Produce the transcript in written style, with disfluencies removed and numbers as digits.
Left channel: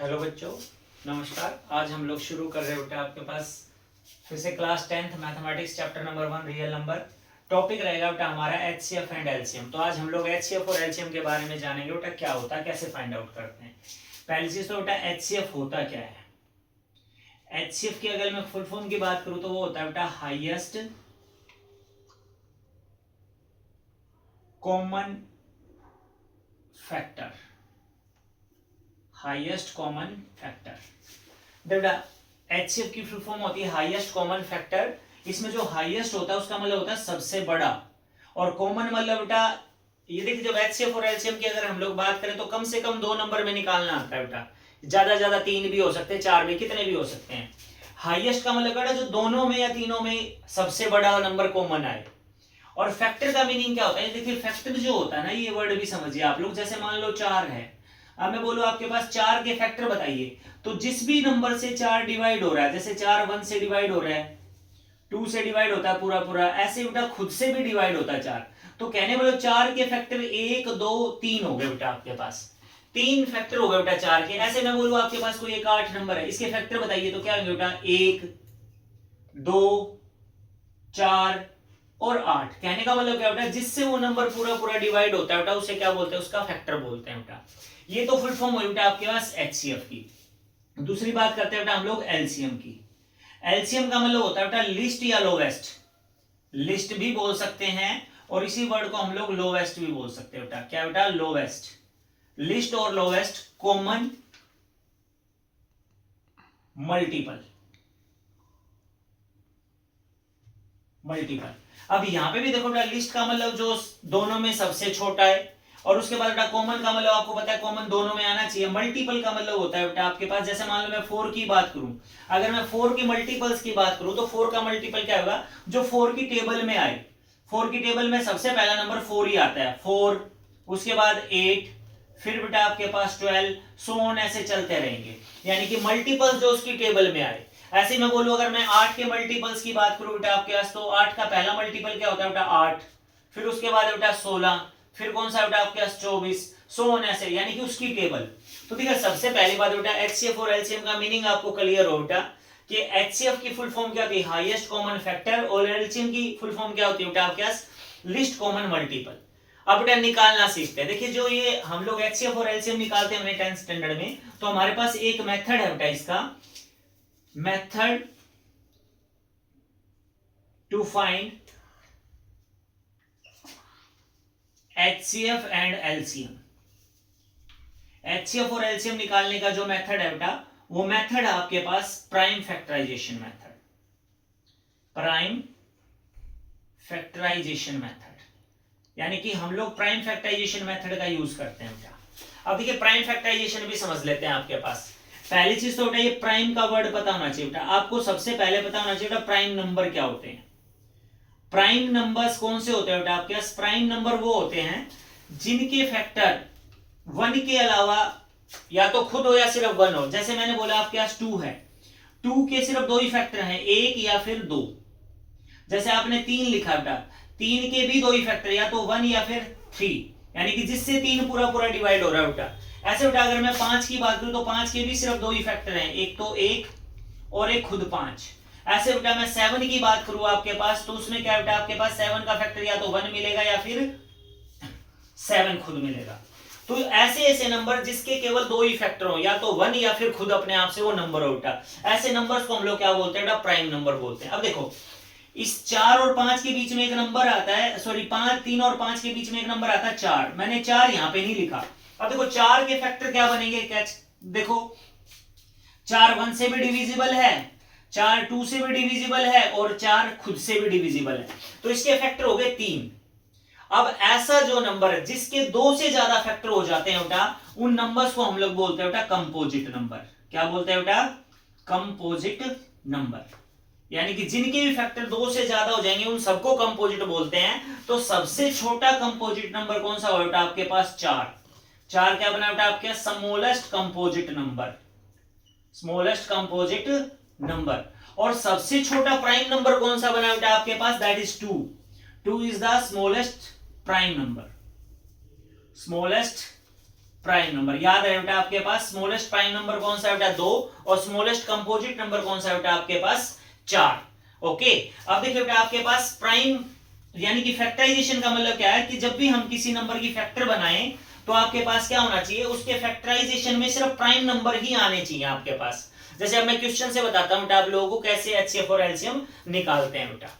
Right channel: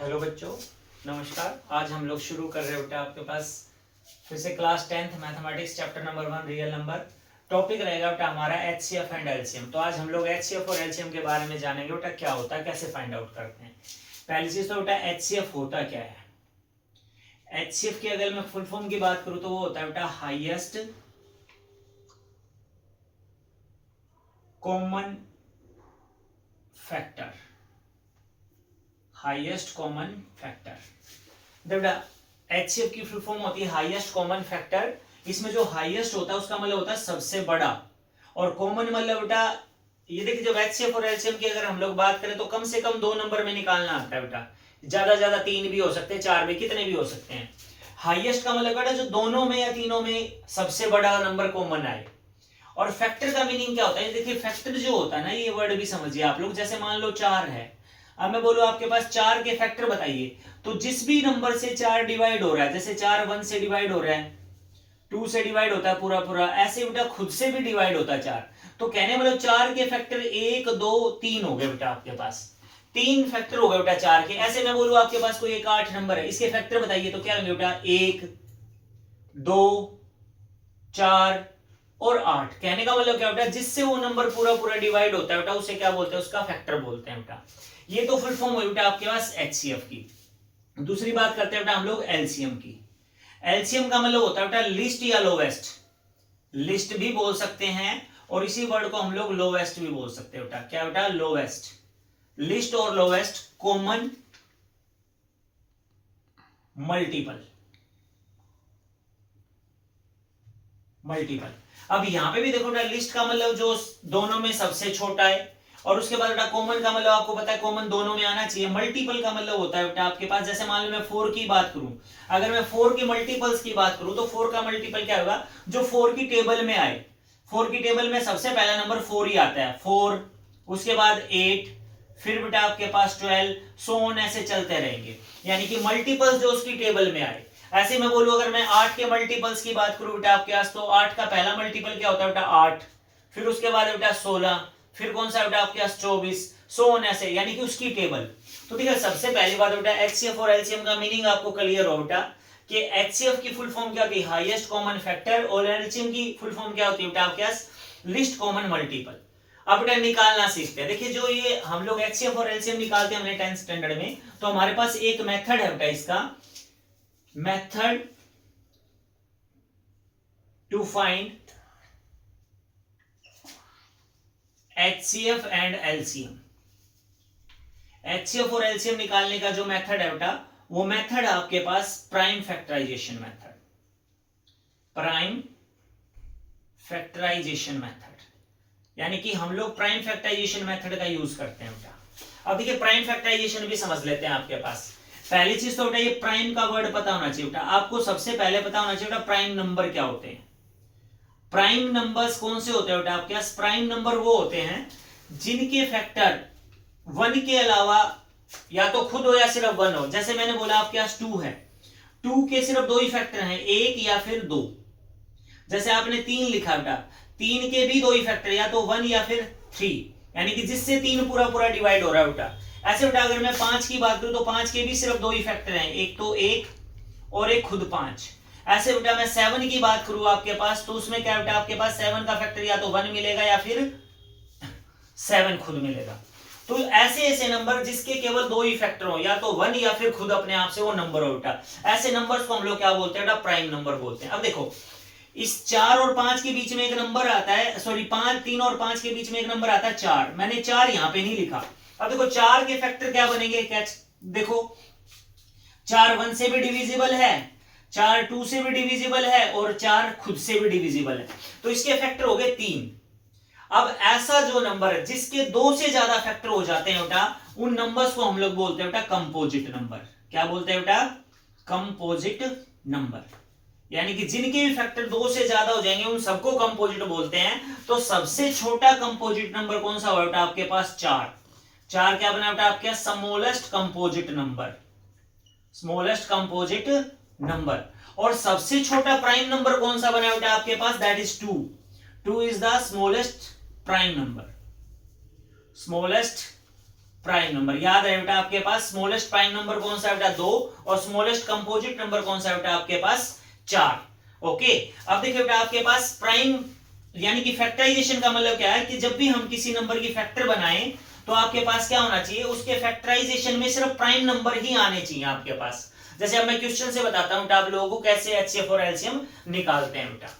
Hello बच्चों, नमस्कार। आज हम लोग शुरू कर रहे हैं बेटा आपके पास फिर से class 10th mathematics chapter number 1 real number. Topic रहेगा बेटा हमारा एचसीएफ एंड एलसीएम। तो आज हम लोग एचसीएफ और एलसीएम के बारे में जानेंगे बेटा, क्या होता है, कैसे फाइंड आउट करते हैं। पहली चीज तो बेटा एचसीएफ होता क्या है। एचसीएफ की अगर मैं फुल फॉर्म की बात करूं तो वो होता है बेटा highest common factor. Highest common factor बेटा एचसीएफ की फुल फॉर्म होती है हाईएस्ट कॉमन फैक्टर। इसमें जो हाईएस्ट होता है उसका मतलब होता है सबसे बड़ा, और कॉमन मतलब बेटा ये देखिए जब एचसीएफ और एलसीएम की अगर हम लोग बात करें तो कम से कम 2 नंबर में निकालना आता है बेटा। ज्यादा ज्यादा 3 भी हो सकते हैं, 4 भी, कितने भी हो सकते हैं। हाईएस्ट का मतलब बेटा जो दोनों में या तीनों में सबसे बड़ा नंबर कॉमन आए। और फैक्टर का मीनिंग क्या होता है, देखिए फैक्टर जो होता है ना, ये वर्ड भी समझिए आप लोग। जैसे मान लो 4 है, अब मैं बोलूं आपके पास 4 के फैक्टर बताइए, तो जिस भी नंबर से 4 डिवाइड हो रहा है, जैसे 4 1 से डिवाइड हो रहा है, 2 से डिवाइड होता है पूरा पूरा, ऐसे बेटा खुद से भी डिवाइड होता है 4। तो कहने वाले 4 के फैक्टर 1 2 3 हो गए बेटा आपके पास, 3 फैक्टर हो गए बेटा 4 के। ऐसे मैं बोलूं आपके पास कोई एक 8 नंबर है, इसके फैक्टर बताइए तो क्या होंगे बेटा 1 2 4 और 8। कहने का मतलब क्या बेटा, जिससे वो नंबर पूरा पूरा डिवाइड होता है बेटा उसे क्या बोलते हैं, उसका फैक्टर बोलते हैं बेटा। ये तो फुल फॉर्म हुई बेटा आपके पास एचसीएफ की। दूसरी बात करते हैं बेटा हम लोग एलसीएम की। एलसीएम का मतलब होता है बेटा लिस्ट या लोवेस्ट। लिस्ट भी बोल सकते हैं और इसी वर्ड को हम लोग लोवेस्ट भी बोल सकते हैं बेटा। क्या बेटा, लोवेस्ट। लिस्ट और लोवेस्ट कॉमन मल्टीपल। मल्टीपल। अब यहां पे भी देखो बेटा, लिस्ट का मतलब जो दोनों में सबसे छोटा है, और उसके बाद बेटा कॉमन का मतलब आपको पता है कॉमन दोनों में आना चाहिए। मल्टीपल का मतलब होता है बेटा आपके पास, जैसे मान लो मैं 4 की बात करूं, अगर मैं 4 के मल्टीपल्स की बात करूं तो 4 का मल्टीपल क्या होगा, जो 4 की टेबल में आए। 4 की टेबल में सबसे पहला नंबर 4 ही आता है, 4, उसके बाद 8, फिर बेटा आपके पास 12, सो ऑन, ऐसे चलते रहेंगे। यानी कि मल्टीपल्स जो उसकी टेबल में आए। ऐसे मैं बोलूं अगर मैं 8 के मल्टीपल्स की बात करूं बेटा आपके पास, तो 8 का पहला मल्टीपल क्या होता है बेटा 8, फिर उसके बाद बेटा 16, फिर कौन सा बेटा आपके पास 24, सो ऑन ऐसे, यानी कि उसकी टेबल। तो ठीक है, सबसे पहली बात बेटा एचसीएफ और एलसीएम का मीनिंग आपको क्लियर हो बेटा कि एचसीएफ की फुल फॉर्म क्या होती है, हाईएस्ट कॉमन फैक्टर, और एलसीएम की फुल फॉर्म क्या होती है बेटा आपके पास, लिस्ट कॉमन मल्टीपल। अब बेटा निकालना सीखते हैं। देखिए जो ये हम लोग एचसीएफ और एलसीएम निकालते हैं 10th स्टैंडर्ड में, तो हमारे पास एक मेथड है बेटा इसका, method to find HCF and LCM। HCF और LCM निकालने का जो मेथड है बेटा, वो मेथड है आपके पास prime factorization method. Prime factorization method, यानी कि हम लोग प्राइम फैक्टराइजेशन मेथड का यूज करते हैं बेटा। अब देखिए प्राइम फैक्टराइजेशन भी समझ लेते हैं आपके पास। पहली चीज तो बेटा ये प्राइम का वर्ड पता होना चाहिए बेटा आपको। सबसे पहले पता होना चाहिए बेटा प्राइम नंबर क्या होते हैं। प्राइम नंबर्स कौन से होते हैं बेटा आपके पास, प्राइम नंबर वो होते हैं जिनके फैक्टर 1 के अलावा या तो खुद हो या सिर्फ 1 हो। जैसे मैंने बोला आपके पास 2 है, 2 के सिर्फ 2 ही फैक्टर हैं, 1 या फिर 2। जैसे आपने 3 लिखा बेटा, 3 के भी 2 ही फैक्टर, या तो 1 या फिर 3, यानी कि जिससे 3 पूरा पूरा डिवाइड हो रहा है बेटा। ऐसे बेटा अगर मैं 5 की बात करूं तो 5 के भी सिर्फ 2 ही फैक्टर हैं, एक तो 1 और एक खुद 5। ऐसे बेटा मैं 7 की बात करूं आपके पास, तो उसमें क्या बेटा आपके पास 7 का फैक्टर या तो 1 मिलेगा या फिर 7 खुद मिलेगा। तो ऐसे ऐसे नंबर जिसके केवल 2 ही फैक्टर हो, या तो 1 या फिर खुद अपने आप से वो नंबर हो बेटा, ऐसे नंबर्स को हम लोग क्या बोलते हैं बेटा, प्राइम नंबर बोलते हैं। अब देखो इस 4 और 5 के बीच में एक नंबर आता है, सॉरी 3 और 5 के बीच में एक नंबर आता है 4। मैंने 4 यहां पे नहीं लिखा। अब देखो 4 के फैक्टर क्या बनेंगे, क्या देखो 4 1 से भी डिविजिबल है, 4 2 से भी डिविजिबल है, और 4 खुद से भी डिविजिबल है, तो इसके फैक्टर हो गए 3। अब ऐसा जो नंबर है जिसके 2 से ज्यादा फैक्टर हो जाते हैं बेटा, उन नंबर्स को हम लोग बोलते हैं बेटा कंपोजिट नंबर। क्या बोलते हैं बेटा, कंपोजिट नंबर। यानी कि जिनके भी फैक्टर 2 से ज्यादा हो जाएंगे उन सबको कंपोजिट बोलते हैं। तो सबसे छोटा कंपोजिट नंबर कौन सा होगा बेटा आपके पास, 4। 4 क्या बना बेटा आपके smallest composite number, smallest composite number. और सबसे छोटा प्राइम नंबर कौन सा बना बेटा आपके पास, that is 2। 2 is the smallest prime number, smallest prime number. याद रहे बेटा आपके पास स्मॉलेस्ट प्राइम नंबर कौन सा है बेटा 2 और स्मॉलेस्ट कंपोजिट नंबर कौन सा है बेटा आपके पास 4। ओके, अब देखिए बेटा आपके पास प्राइम यानी कि फैक्टराइजेशन का मतलब क्या है कि जब भी हम किसी नंबर की फैक्टर बनाएं तो आपके पास क्या होना चाहिए, उसके फैक्टराइजेशन में सिर्फ प्राइम नंबर ही आने चाहिए आपके पास। जैसे अब मैं क्वेश्चन से बताता हूं आप लोगों को कैसे HCF और LCM निकालते हैं बेटा।